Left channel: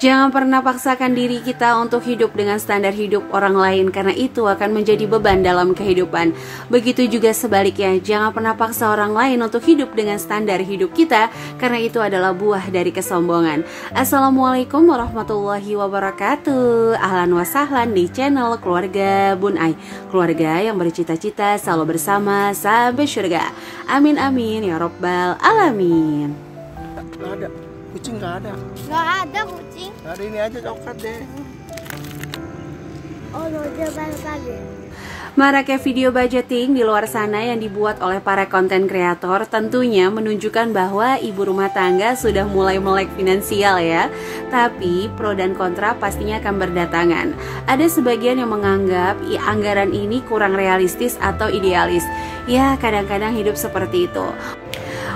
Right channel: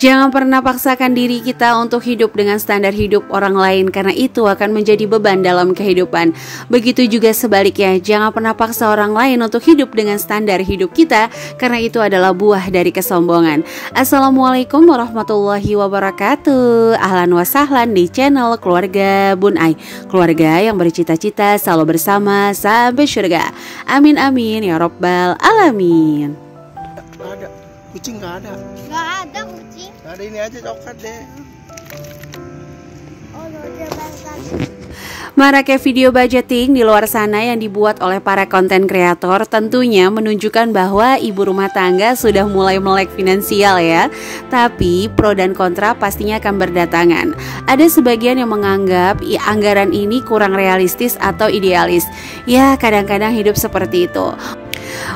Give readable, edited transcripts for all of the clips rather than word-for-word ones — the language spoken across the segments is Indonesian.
Jangan pernah paksakan diri kita untuk hidup dengan standar hidup orang lain, karena itu akan menjadi beban dalam kehidupan. Begitu juga sebaliknya, jangan pernah paksa orang lain untuk hidup dengan standar hidup kita, karena itu adalah buah dari kesombongan. Assalamualaikum warahmatullahi wabarakatuh. Ahlan wa sahlan di channel Keluarga Bun Ai, keluarga yang bercita-cita selalu bersama sampai surga. Amin amin ya robbal alamin. Nggak ada kucing, nggak ada Kucing. Nggak ada, ini aja coklat deh. Oh, udah tadi. Maraknya video budgeting di luar sana yang dibuat oleh para konten kreator tentunya menunjukkan bahwa ibu rumah tangga sudah mulai melek finansial ya. Tapi pro dan kontra pastinya akan berdatangan. Ada sebagian yang menganggap anggaran ini kurang realistis atau idealis. Ya, kadang-kadang hidup seperti itu.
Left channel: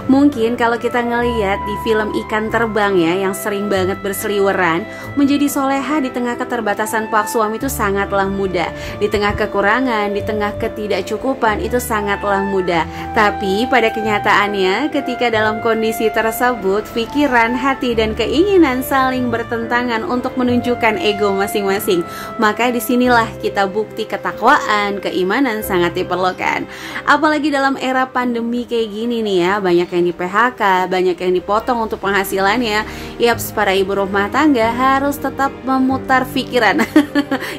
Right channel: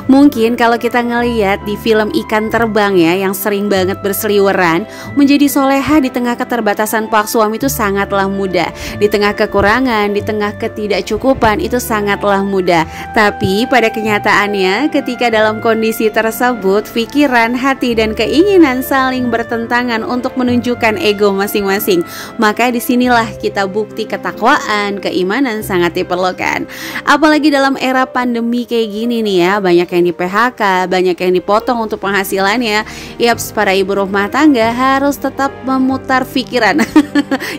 Mungkin kalau kita ngeliat di film Ikan Terbang ya, yang sering banget berseliweran, menjadi soleha di tengah keterbatasan pak suami itu sangatlah mudah. Di tengah kekurangan, di tengah ketidakcukupan itu sangatlah mudah. Tapi pada kenyataannya ketika dalam kondisi tersebut, pikiran, hati, dan keinginan saling bertentangan untuk menunjukkan ego masing-masing. Maka disinilah kita bukti ketakwaan, keimanan sangat diperlukan. Apalagi dalam era pandemi kayak gini nih ya, banyak yang di PHK, banyak yang dipotong untuk penghasilannya. Yaps, para ibu rumah tangga harus tetap memutar pikiran.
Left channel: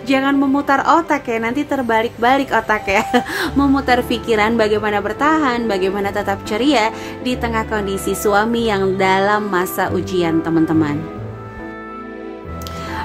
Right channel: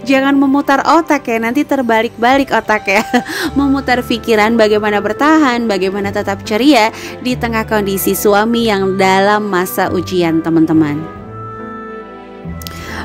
Jangan memutar otak ya, nanti terbalik-balik otak ya. Memutar pikiran bagaimana bertahan, bagaimana tetap ceria di tengah kondisi suami yang dalam masa ujian, teman-teman.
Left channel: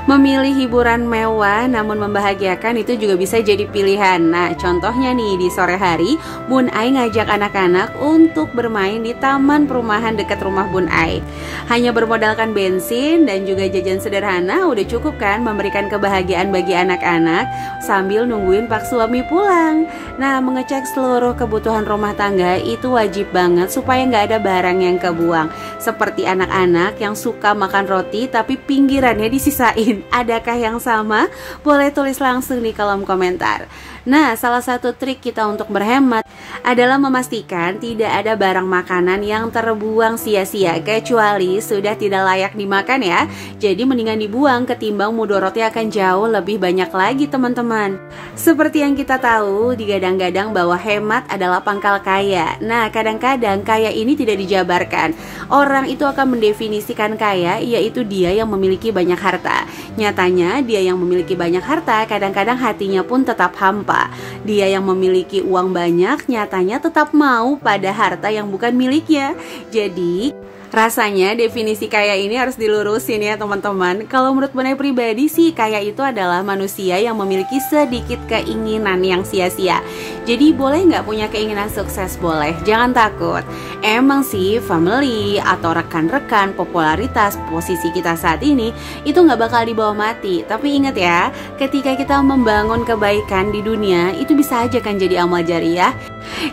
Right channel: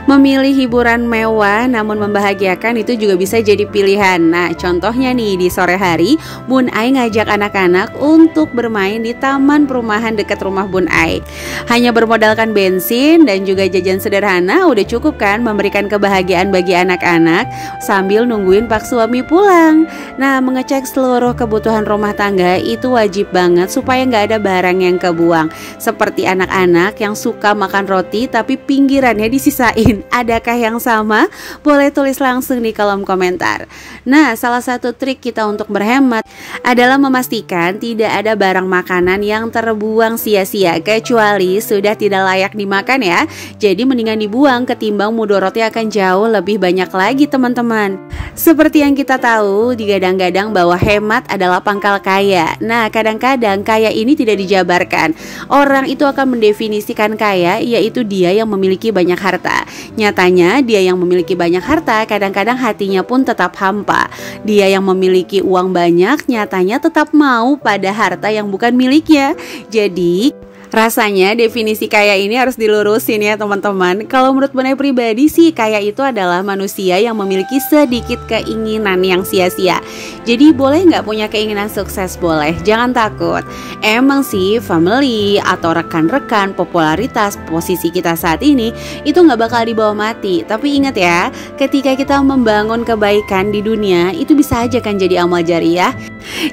Memilih hiburan mewah namun membahagiakan itu juga bisa jadi pilihan. Nah, contohnya nih di sore hari, Bun Ai ngajak anak-anak untuk bermain di taman perumahan dekat rumah Bun Ai. Hanya bermodalkan bensin dan juga jajan sederhana udah cukup kan memberikan kebahagiaan bagi anak-anak sambil nungguin pak suami pulang. Nah, mengecek seluruh kebutuhan rumah tangga itu wajib banget supaya nggak ada barang yang kebuang. Seperti anak-anak yang suka makan roti tapi pinggirannya disisain. Adakah yang sama? Boleh tulis langsung di kolom komentar. Nah, salah satu trik kita untuk berhemat adalah memastikan tidak ada barang makanan yang terbuang sia-sia kecuali sudah tidak layak dimakan ya. Jadi mendingan dibuang ketimbang mudorotnya akan jauh lebih banyak lagi, teman-teman. Seperti yang kita tahu, digadang-gadang bahwa hemat adalah pangkal kaya. Nah, kadang-kadang kaya ini tidak dijabarkan. Orang itu akan mendefinisikan kaya yaitu dia yang memiliki banyak harta. Nyatanya dia yang memiliki banyak harta kadang-kadang hatinya pun tetap hampa. Dia yang memiliki uang banyak nyatanya tetap mau pada harta yang bukan miliknya. Jadi rasanya definisi kaya ini harus dilurusin ya teman-teman. Kalau menurut Bun Ai pribadi sih, kaya itu adalah manusia yang memiliki sedikit keinginan yang sia-sia. Jadi boleh nggak punya keinginan sukses? Boleh, jangan takut. Emang sih family atau rekan-rekan, popularitas, posisi kita saat ini itu nggak bakal dibawa mati. Tapi ingat ya, ketika kita membangun kebaikan di dunia itu bisa aja kan jadi amal jariah.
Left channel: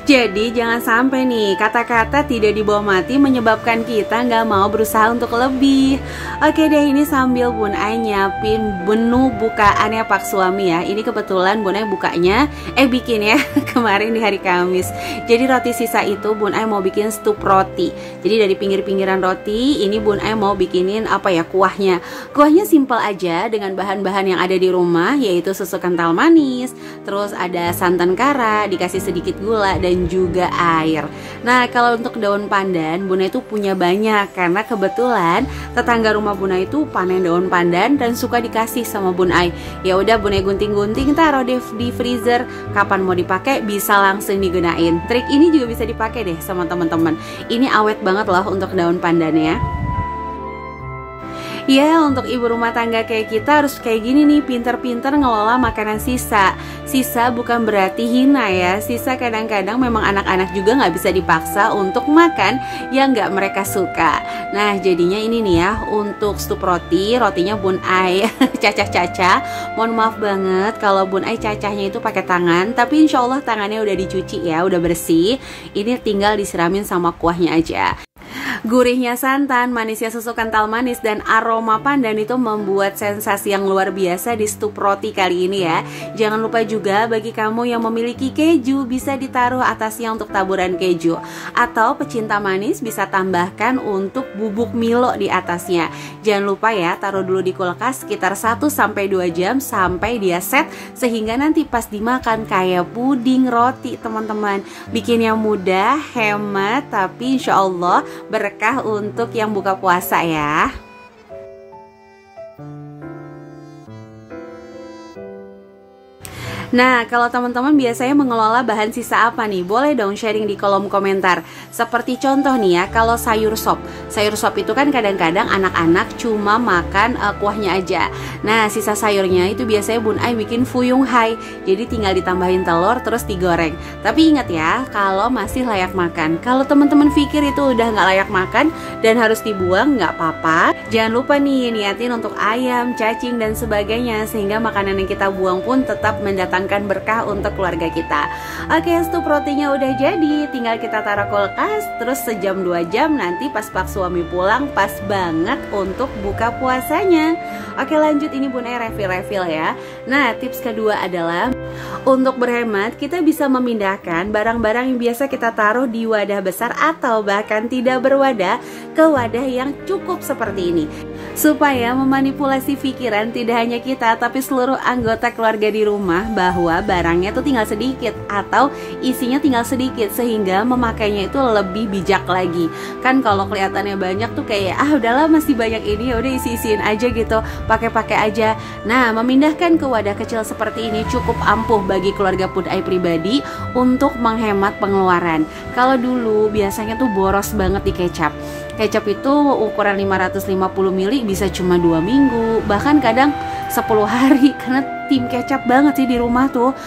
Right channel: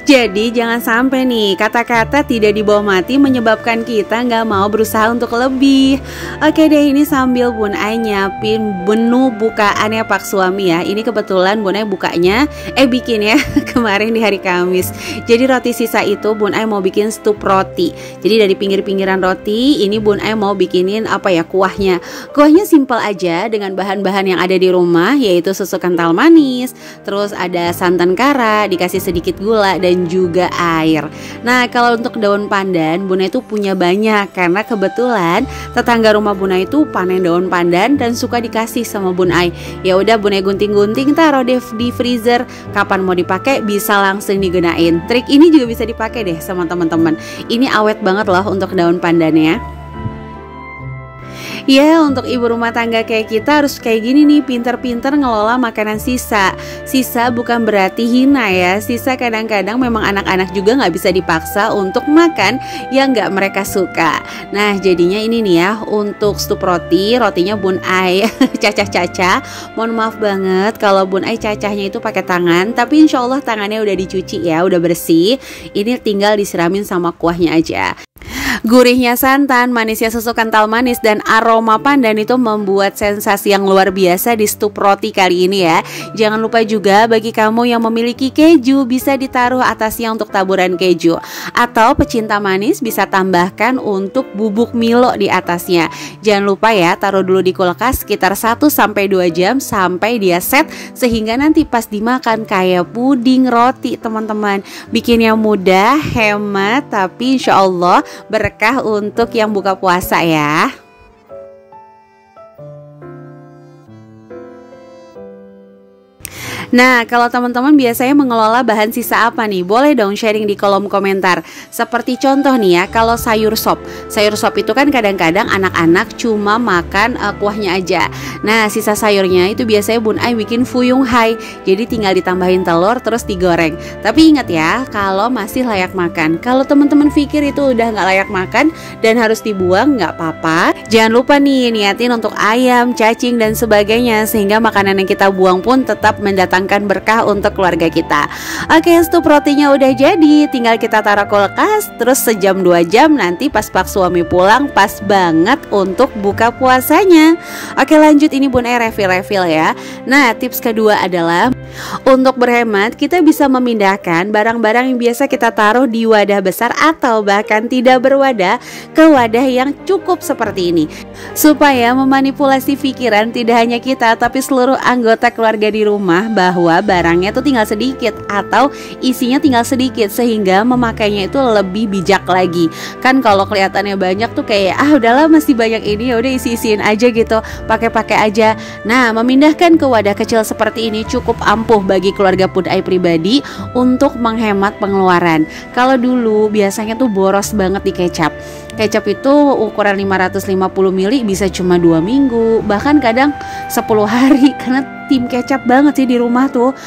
Jadi jangan sampai nih kata-kata tidak dibawa mati menyebabkan kita nggak mau berusaha untuk lebih. Oke deh, ini sambil Bun Ai nyiapin menu bukaannya pak suami ya. Ini kebetulan Bun Ai bikin ya kemarin di hari Kamis. Jadi roti sisa itu Bun Ai mau bikin stup roti. Jadi dari pinggir-pinggiran roti ini Bun Ai mau bikinin kuahnya. Kuahnya simpel aja dengan bahan-bahan yang ada di rumah, yaitu susu kental manis, terus ada santan kara, dikasih sedikit gula dan juga air. Nah, kalau untuk daun pandan Bun Ai tuh punya banyak karena kebetulan tetangga rumah Bun Ai itu panen daun pandan dan suka dikasih sama Bun Ai. Ya udah Bun Ai gunting-gunting, taruh di freezer. Kapan mau dipakai bisa langsung digunain. Trik ini juga bisa dipakai deh sama teman-teman. Ini awet banget loh untuk daun pandannya. Ya, untuk ibu rumah tangga kayak kita harus kayak gini nih, pinter-pinter ngelola makanan sisa. Sisa bukan berarti hina ya. Sisa kadang-kadang memang anak-anak juga nggak bisa dipaksa untuk makan yang nggak mereka suka. Nah, jadinya ini nih ya, untuk stup rotinya Bun Ai cacah-cacah. Mohon maaf banget kalau Bun Ai cacahnya itu pakai tangan, tapi insya Allah tangannya udah dicuci ya, udah bersih. Ini tinggal disiramin sama kuahnya aja. Gurihnya santan, manisnya susu kental manis, dan aroma pandan itu membuat sensasi yang luar biasa di stup roti kali ini ya. Jangan lupa juga bagi kamu yang memiliki keju, bisa ditaruh atasnya untuk taburan keju. Atau pecinta manis bisa tambahkan untuk bubuk Milo di atasnya. Jangan lupa ya, taruh dulu di kulkas sekitar 1-2 jam sampai dia set, sehingga nanti pas dimakan kayak puding roti teman-teman. Bikinnya mudah, hemat, tapi insya Allah berkah untuk yang buka puasa ya. Nah, kalau teman-teman biasanya mengelola bahan sisa apa nih? Boleh dong sharing di kolom komentar. Seperti contoh nih ya, kalau sayur sop. Sayur sop itu kan kadang-kadang anak-anak cuma makan kuahnya aja. Nah, sisa sayurnya itu biasanya Bun Ai bikin fuyung hai. Jadi tinggal ditambahin telur terus digoreng. Tapi ingat ya, kalau masih layak makan. Kalau teman-teman pikir itu udah nggak layak makan dan harus dibuang, nggak apa-apa. Jangan lupa nih, niatin untuk ayam, cacing, dan sebagainya, sehingga makanan yang kita buang pun tetap mendatangkan berkah untuk keluarga kita. Oke, stup rotinya udah jadi, tinggal kita taruh kulkas. Terus sejam 2 jam nanti pas pak suami pulang, pas banget untuk buka puasanya. Oke, lanjut, ini Bun Ai refill ya. Nah, tips kedua adalah untuk berhemat, kita bisa memindahkan barang-barang yang biasa kita taruh di wadah besar atau bahkan tidak berwadah ke wadah yang cukup seperti ini, supaya memanipulasi pikiran tidak hanya kita tapi seluruh anggota keluarga di rumah bahwa barangnya itu tinggal sedikit atau isinya tinggal sedikit, sehingga memakainya itu lebih bijak lagi. Kan kalau kelihatannya banyak tuh kayak udahlah masih banyak ini, ya udah isi-isiin aja gitu, pakai-pakai aja. Nah, memindahkan ke wadah kecil seperti ini cukup ampuh bagi keluarga Bun Ai pribadi untuk menghemat pengeluaran. Kalau dulu biasanya tuh boros banget di kecap. Kecap itu ukuran 550 ml bisa cuma 2 minggu, bahkan kadang 10 hari, karena tim kecap banget sih di rumah tuh.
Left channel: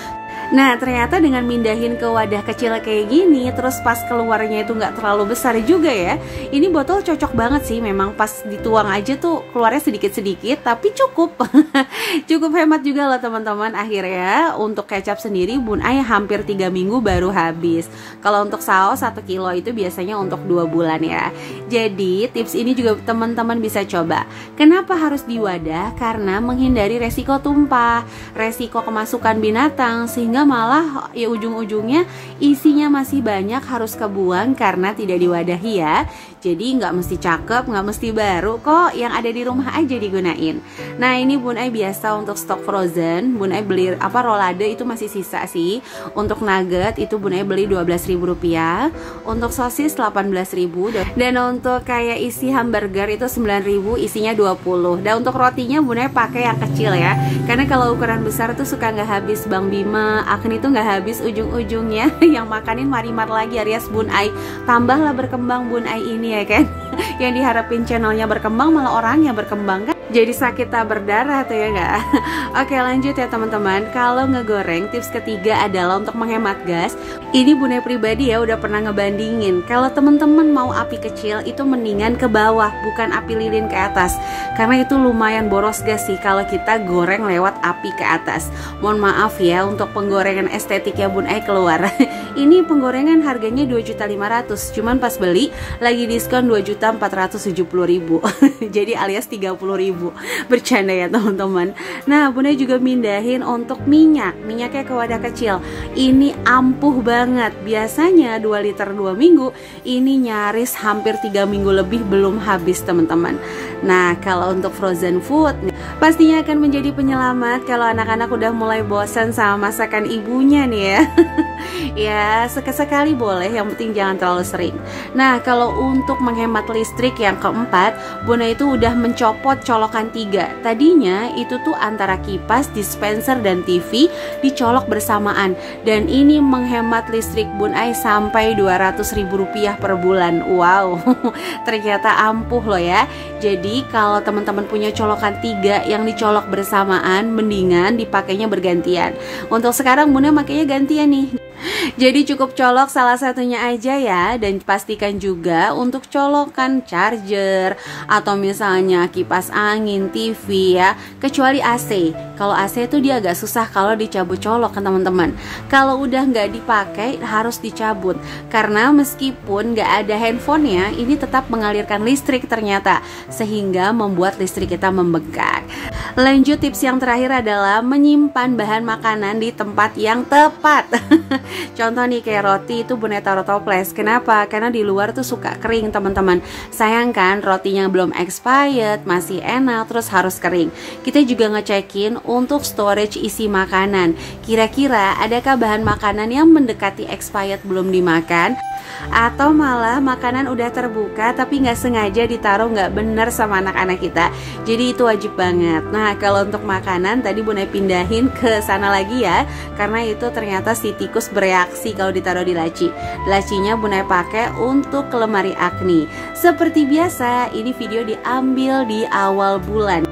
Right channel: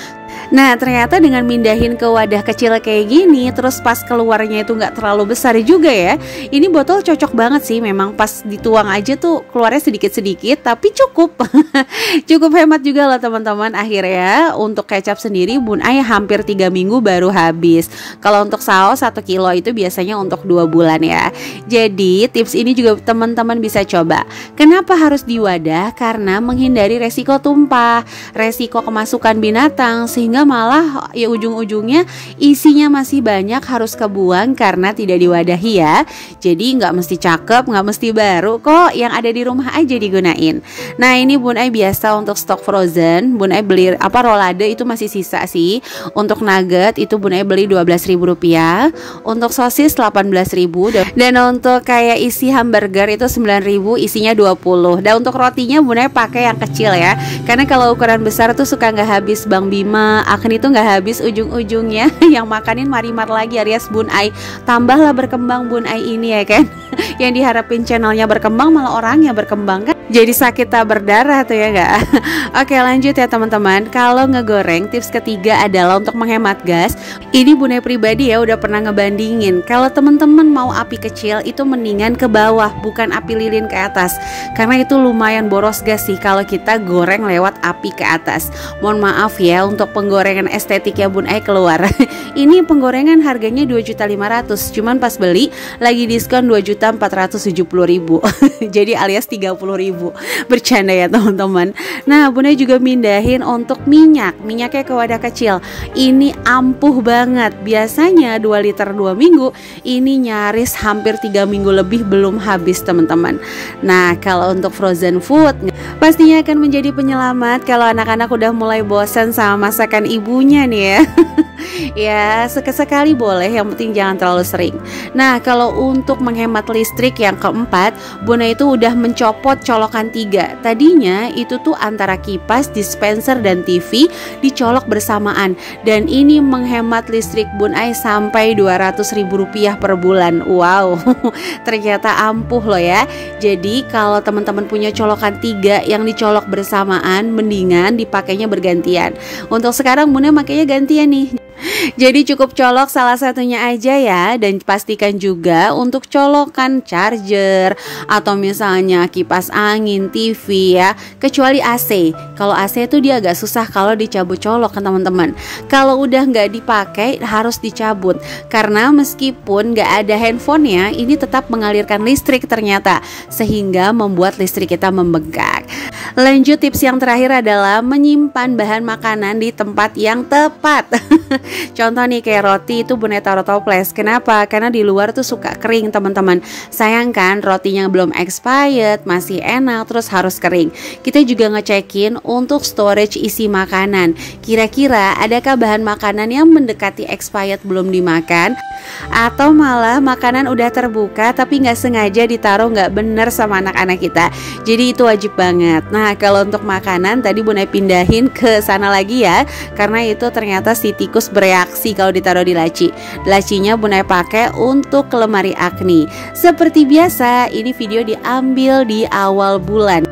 Nah, ternyata dengan mindahin ke wadah kecil kayak gini, terus pas keluarnya itu nggak terlalu besar juga ya. Ini botol cocok banget sih, memang pas dituang aja tuh keluarnya sedikit-sedikit, tapi cukup. Cukup hemat juga lah teman-teman. Akhirnya untuk kecap sendiri Bun Ai hampir 3 minggu baru habis. Kalau untuk saus 1 kilo itu biasanya untuk 2 bulan ya. Jadi tips ini juga teman-teman bisa coba. Kenapa harus di wadah? Karena menghindari resiko tumpah, resiko kemasukan binatang, sehingga malah ya ujung-ujungnya isinya masih banyak harus kebuang karena tidak diwadahi ya. Jadi nggak mesti cakep, nggak mesti baru kok, yang ada di rumah aja digunain. Nah, ini Bun Ai biasa untuk stok frozen, Bun Ai beli rolade itu masih sisa sih. Untuk nugget itu Bun Ai beli Rp12.000, untuk sosis Rp18.000, dan untuk kayak isi hamburger itu Rp9.000, isinya 20. Dan untuk rotinya Bun Ai pakai yang kecil ya, karena kalau ukuran besar tuh suka nggak habis Bang Bima, Akan itu nggak habis ujung-ujungnya. Yang makanin Marimar lagi alias Bun Ai. Tambahlah berkembang Bun Ai ini ya kan. Yang diharapin channelnya berkembang malah orangnya berkembang kan. Jadi sakit tak berdarah tuh ya nggak? Oke, lanjut ya teman-teman. Kalau ngegoreng, tips ketiga adalah untuk menghemat gas. Ini Bun Ai pribadi ya udah pernah ngebandingin. Kalau teman-teman mau api kecil itu mendingan ke bawah, bukan api lilin ke atas. Karena itu lumayan boros gas sih kalau kita goreng lewat api ke atas. Mohon maaf ya untuk penggorengan estetiknya Bun Ai keluar. Ini penggorengan harganya Rp2.500.000, cuman pas beli lagi diskon Rp2.470.000. Jadi alias Rp30.000. Bercanda ya teman-teman. Nah, Bun Ai juga mindahin untuk minyaknya ke wadah kecil. Ini ampuh banget. Biasanya 2 liter 2 minggu, ini nyaris hampir 3 minggu lebih belum habis teman-teman. Nah, kalau untuk frozen food pastinya akan menjadi penyelamat kalau anak-anak udah mulai bosan sama masakan ibunya nih ya. Ya, sekali boleh, yang penting jangan terlalu sering. Nah, kalau untuk menghemat listrik yang keempat, Bun Ai itu udah mencopot colokan 3. Tadinya itu tuh antara kipas, dispenser, dan TV dicolok bersamaan. Dan ini menghemat listrik Bun Ai sampai Rp200.000 per bulan. Wow, ternyata ampuh loh ya. Jadi kalau teman-teman punya colokan 3 yang dicolok bersamaan, mendingan dipakainya bergantian. Untuk sekarang Bun Ai makanya gantian nih. Jadi cukup colok salah satunya aja ya. Dan pastikan juga untuk colokan charger atau misalnya kipas angin, TV ya. Kecuali AC. Kalau AC itu dia agak susah kalau dicabut colok kan teman-teman. Kalau udah nggak dipakai harus dicabut. Karena meskipun nggak ada handphonenya, ini tetap mengalirkan listrik ternyata. Sehingga membuat listrik kita membengkak. Lanjut, tips yang terakhir adalah menyimpan bahan makanan di tempat yang tepat. Contoh nih kayak roti itu Bun taruh toples. Kenapa? Karena di luar tuh suka kering teman-teman. Sayang kan rotinya belum expired, masih enak, terus harus kering. Kita juga ngecekin untuk storage isi makanan. Kira-kira adakah bahan makanan yang mendekati expired belum dimakan? Atau malah makanan udah terbuka tapi nggak sengaja ditaruh nggak bener sama anak-anak kita. Jadi itu wajib banget. Nah kalau untuk makanan tadi Bun pindahin ke sana lagi ya, karena itu ternyata si tikus bereaksi kalau ditaruh di laci. Lacinya Bun pakai untuk ke lemari Agni. Seperti biasa ini video diambil di awal bulan.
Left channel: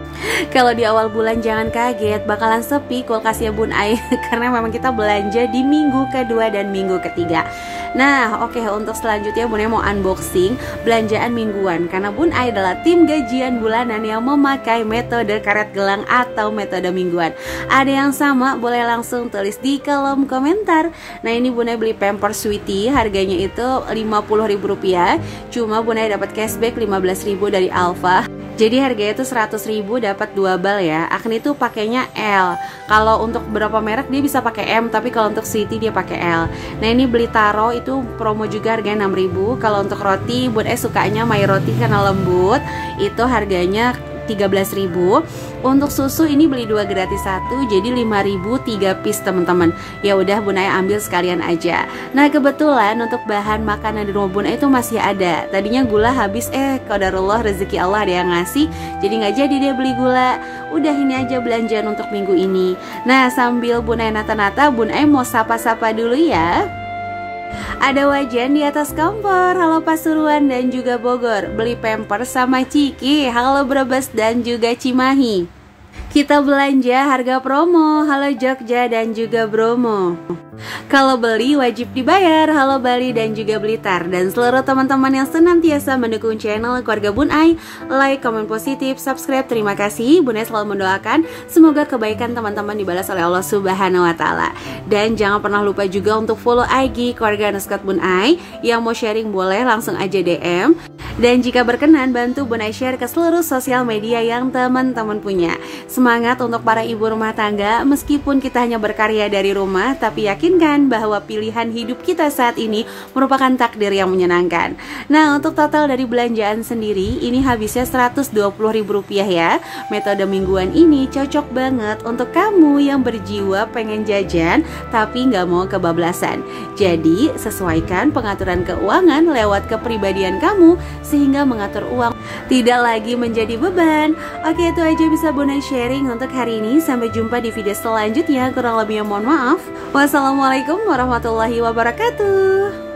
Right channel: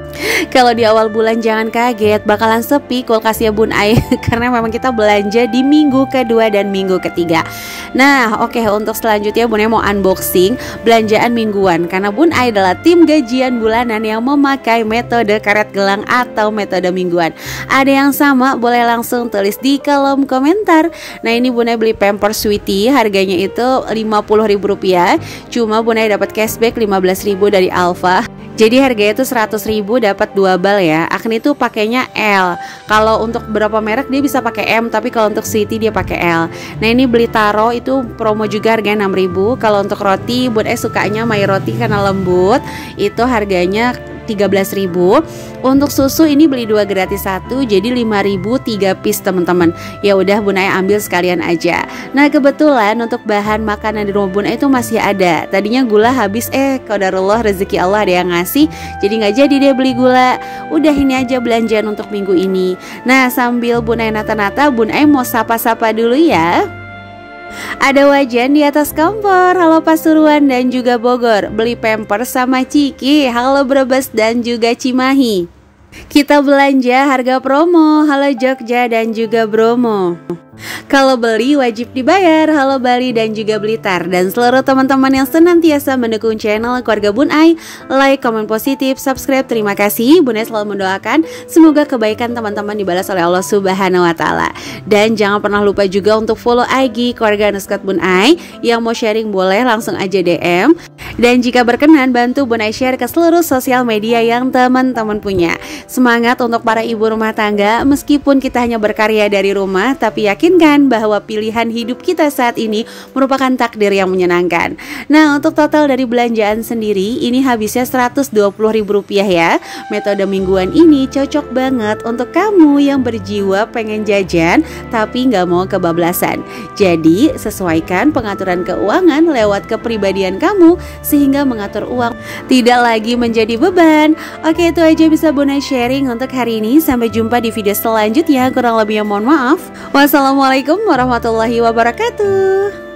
Kalau di awal bulan jangan kaget, bakalan sepi kulkasnya Bun Ai karena memang kita belanja di minggu kedua dan minggu ketiga. Nah oke, untuk selanjutnya Bun mau unboxing belanjaan mingguan. Karena Bun Ai adalah tim gajian bulanan yang memakai metode karet gelang atau metode mingguan. Ada yang sama? Boleh langsung tulis di kolom komentar. Nah ini Bun Ai beli Pampers Sweetie, harganya itu Rp50.000. Cuma Bun Ai dapat cashback Rp15.000 dari Alfa. Jadi harganya itu Rp100.000 dapat 2 bal ya. Agni tuh pakainya L. Kalau untuk beberapa merek dia bisa pakai M, tapi kalau untuk Sweetie dia pakai L. Nah ini beli taro itu promo juga harganya Rp6.000. Kalau untuk roti Bun sukanya My Roti karena lembut, itu harganya Rp13.000. Untuk susu ini beli 2 gratis 1, jadi Rp5.000 3 piece teman-teman. Ya udah Bun Ai ambil sekalian aja. Nah kebetulan untuk bahan makanan di rumah Bun Ai itu masih ada. Tadinya gula habis, qadarullah rezeki Allah ada yang ngasih, jadi nggak jadi dia beli gula. Udah ini aja belanjaan untuk minggu ini. Nah sambil Bun Ai nata-nata, Bun Ai mau sapa-sapa dulu ya. Ada Wajan di atas kompor, halo Pasuruan dan juga Bogor. Beli Pampers sama Ciki, halo Brebes dan juga Cimahi. Kita belanja harga promo, halo Jogja dan juga Bromo. Kalau beli wajib dibayar, halo Bali dan juga Blitar. Dan seluruh teman-teman yang senantiasa mendukung channel keluarga Bun Ai, like, komen positif, subscribe, terima kasih. Bun Ai selalu mendoakan semoga kebaikan teman-teman dibalas oleh Allah Subhanahu wa Ta'ala. Dan jangan pernah lupa juga untuk follow IG keluarga _ Bun Ai. Yang mau sharing boleh langsung aja DM. Dan jika berkenan bantu Bun Ai share ke seluruh sosial media yang teman-teman punya. Semangat untuk para ibu rumah tangga, meskipun kita hanya berkarya dari rumah, tapi yakinkan bahwa pilihan hidup kita saat ini merupakan takdir yang menyenangkan. Nah untuk total dari belanjaan sendiri ini habisnya Rp120.000 ya. Metode mingguan ini cocok banget untuk kamu yang berjiwa pengen jajan tapi nggak mau kebablasan. Jadi sesuaikan pengaturan keuangan lewat kepribadian kamu sehingga mengatur uang tidak lagi menjadi beban. Oke, itu aja bisa Bun Ai sharing untuk hari ini. Sampai jumpa di video selanjutnya. Kurang lebihnya mohon maaf. Wassalamualaikum warahmatullahi wabarakatuh.